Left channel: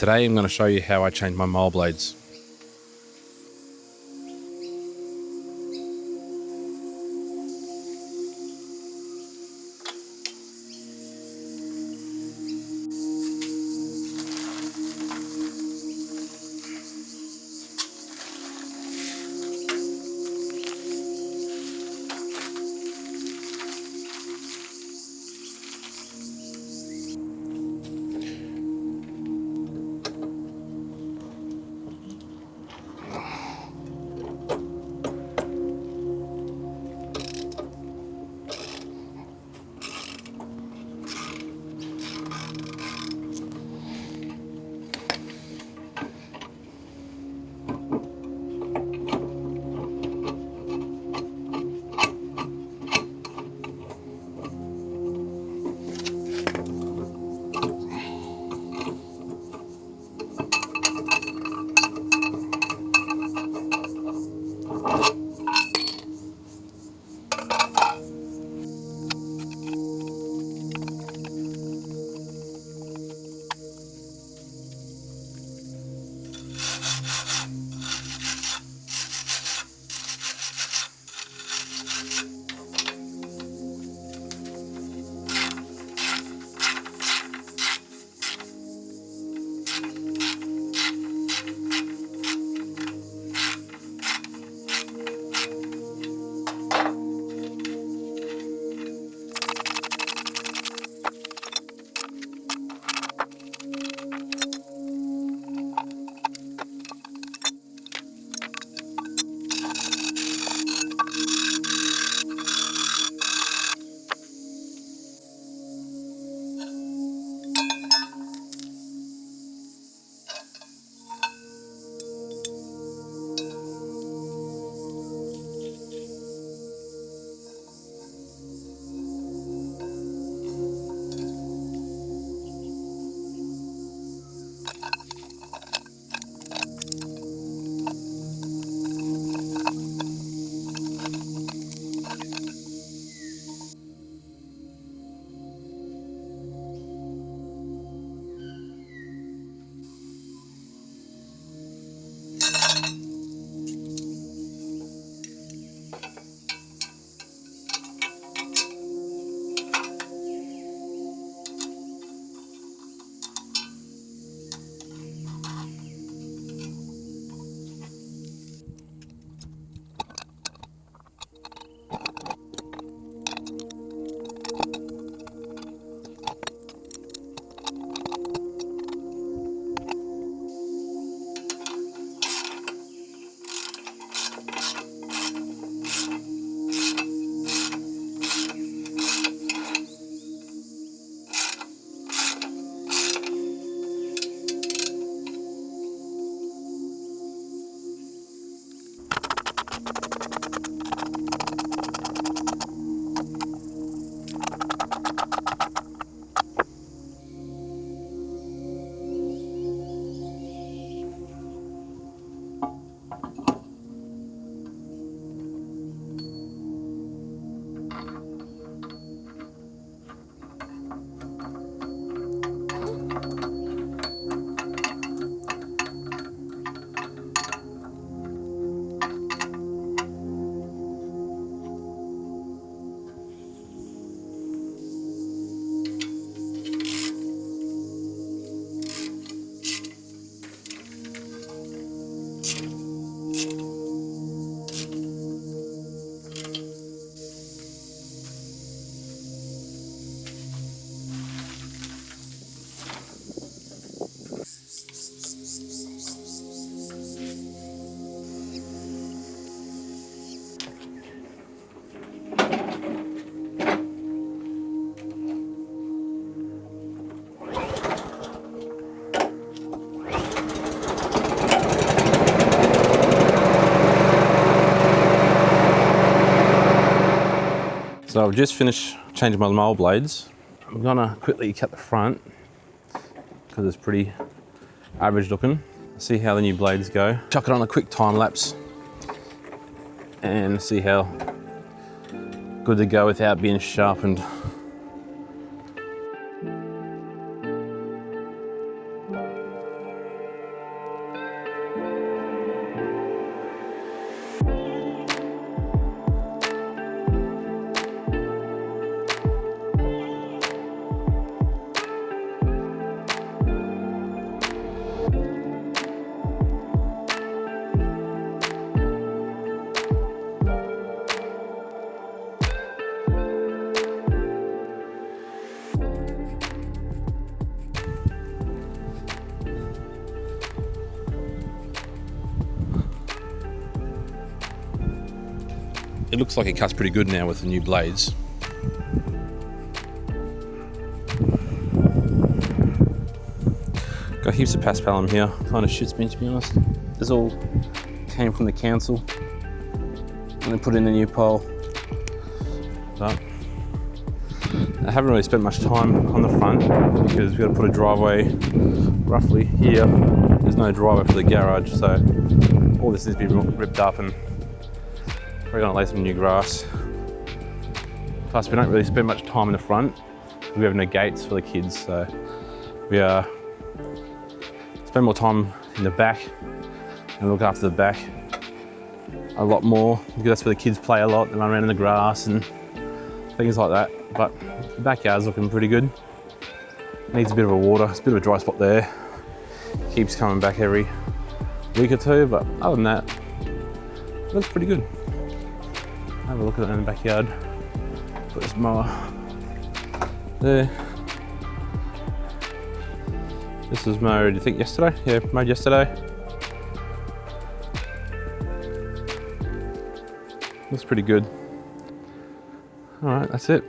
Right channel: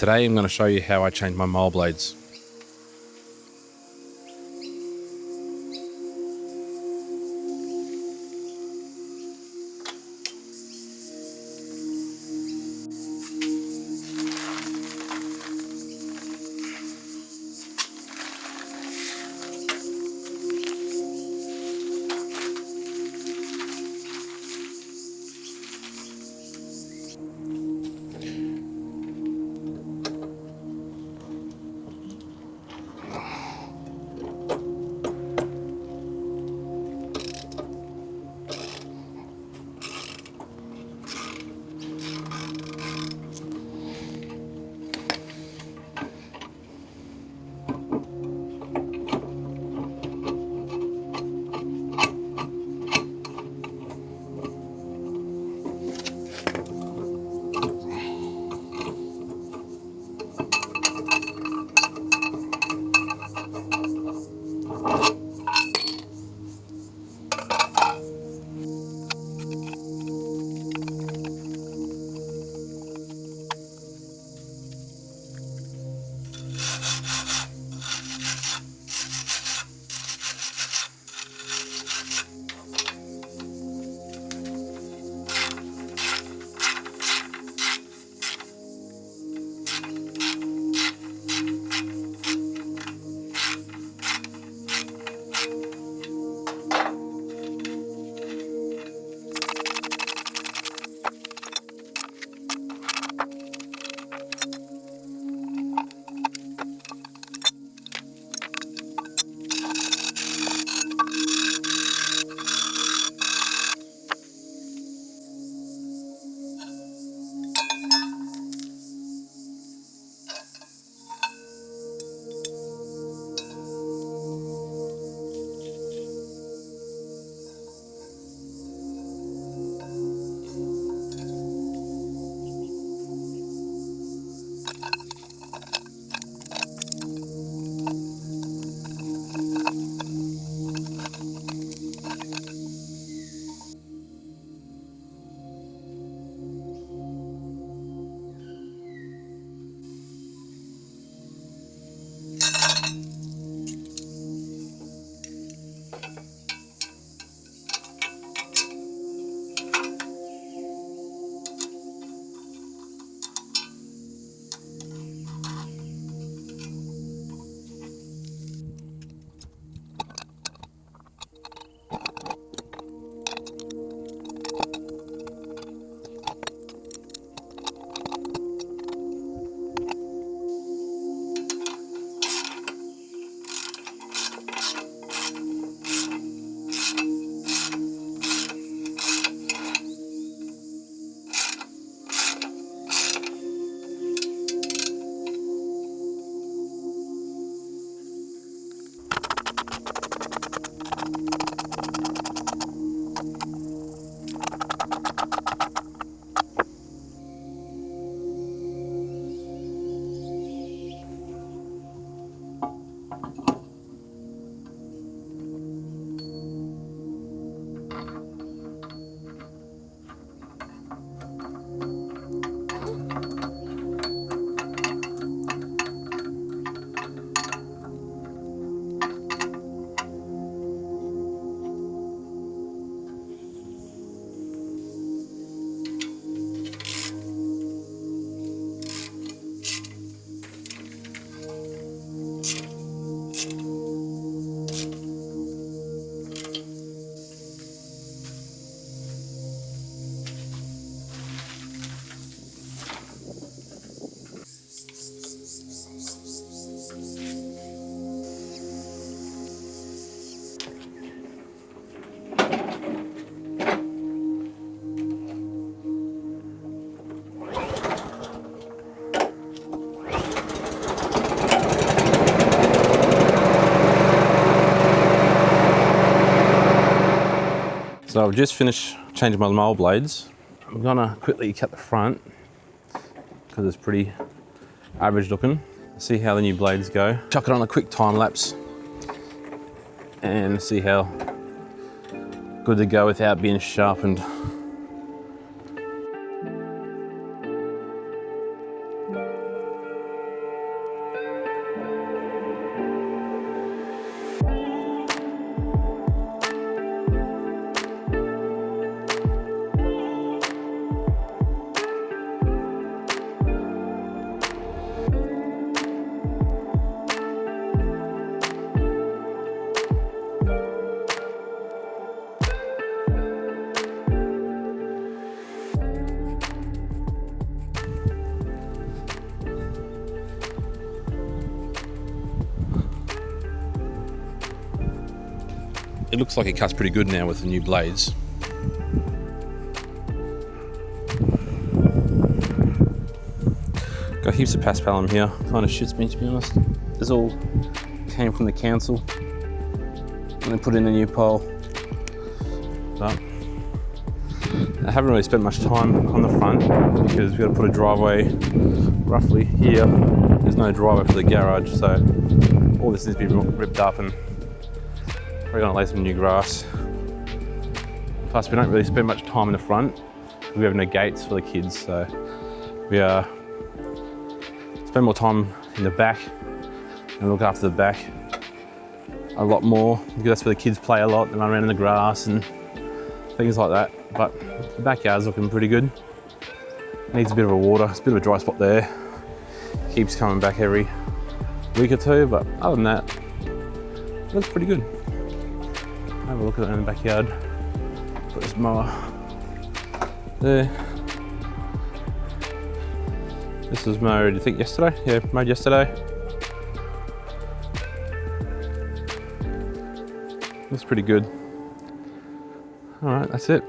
Today I'm going to show you how I change my mower blades. So I've just finished changing my mower blades. I'm gonna quickly cut the front because it's pretty average looking. See how the new blades go. Chuck it on a quick time lapse and see how good they go without being sharpened. it looks like it cuts pretty good now with the new blades. Got heaps of paspalum here. Kind of shits me, to be honest. This all came from the council and they put in a new pole. But I haven't really spent much time on the front because we've got to put a driveway roughly here. There's no driveway for the garage, so all this needs to be ripped up, and we're going to lay some new grass. Plus, we don't really spend much time in the front because we have no gates for the kids, so we spend more time in the back and look after the back a lot more because that's where the kids play a lot. They run around in the grass and things like that. But the backyard's looking pretty good. Needs a bit of a water. It's a bit of a dry spot there. Keeps coming back every week or two, but other than that, it looks pretty good. Have a look at it in the backyard. Put this mower there. This was mowed, I think, yesterday. Yeah, mowed yesterday. Looks pretty good. All right, that's it.